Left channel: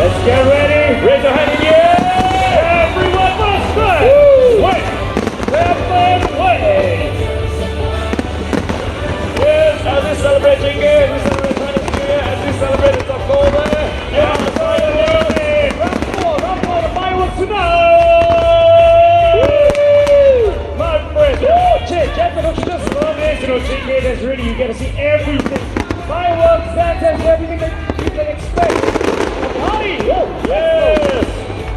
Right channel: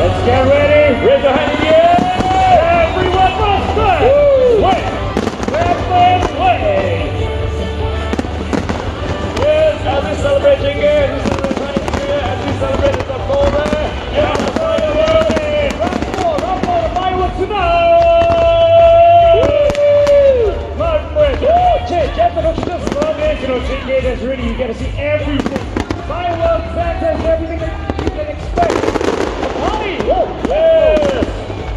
Let's get ready. Raise your hand in the air. Everyone goes good. Wait. Yes, as we celebrate Chingay, we celebrate Chinese New Year, as we celebrate the October. Yeah, fireworks tonight. My friend, check out the just Chingay, that's ready. You gotta see everything. Fireworks, fantastic, everything that you can expect. Yes!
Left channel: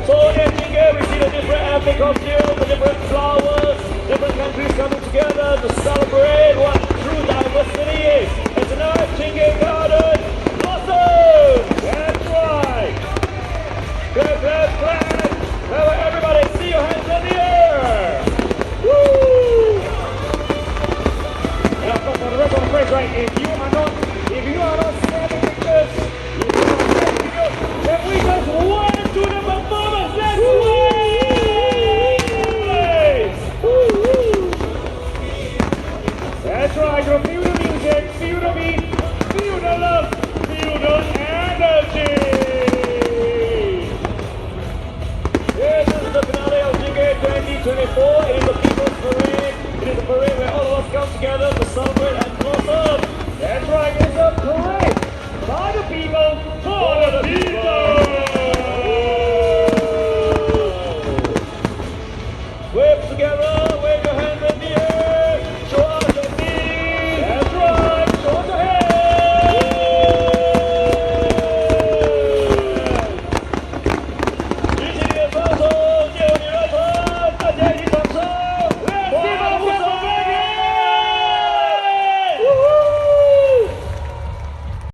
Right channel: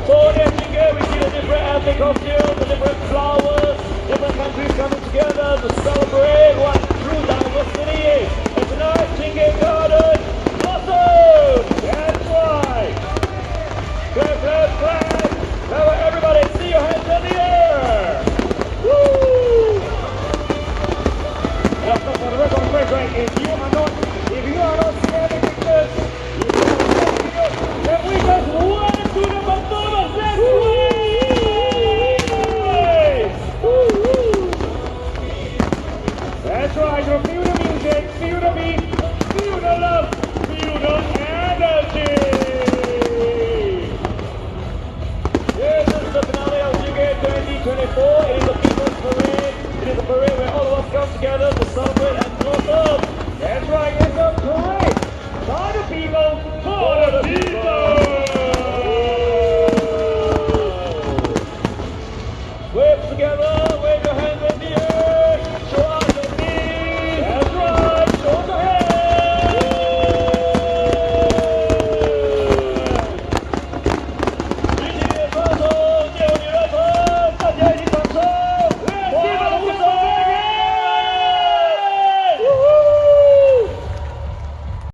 So in Chingay, we see the different ethnic costumes, the different flowers, different countries coming together to celebrate what true diversity is. And tonight, Chingay Garden, awesome! That's right! Clap! Now everybody, see your hands in the air! Woo! And of course, the rest of the place, right? If you are not standing like this, then we just want to do the performance. That's right! That's right, you feel the music, feel the beat, feel the love, feel the energy! Yes, this is the finale of Chingay 2024. It is the People's Parade. It is a parade where all of us come together to celebrate and close up. That's right, it's a parade by the people, for the people.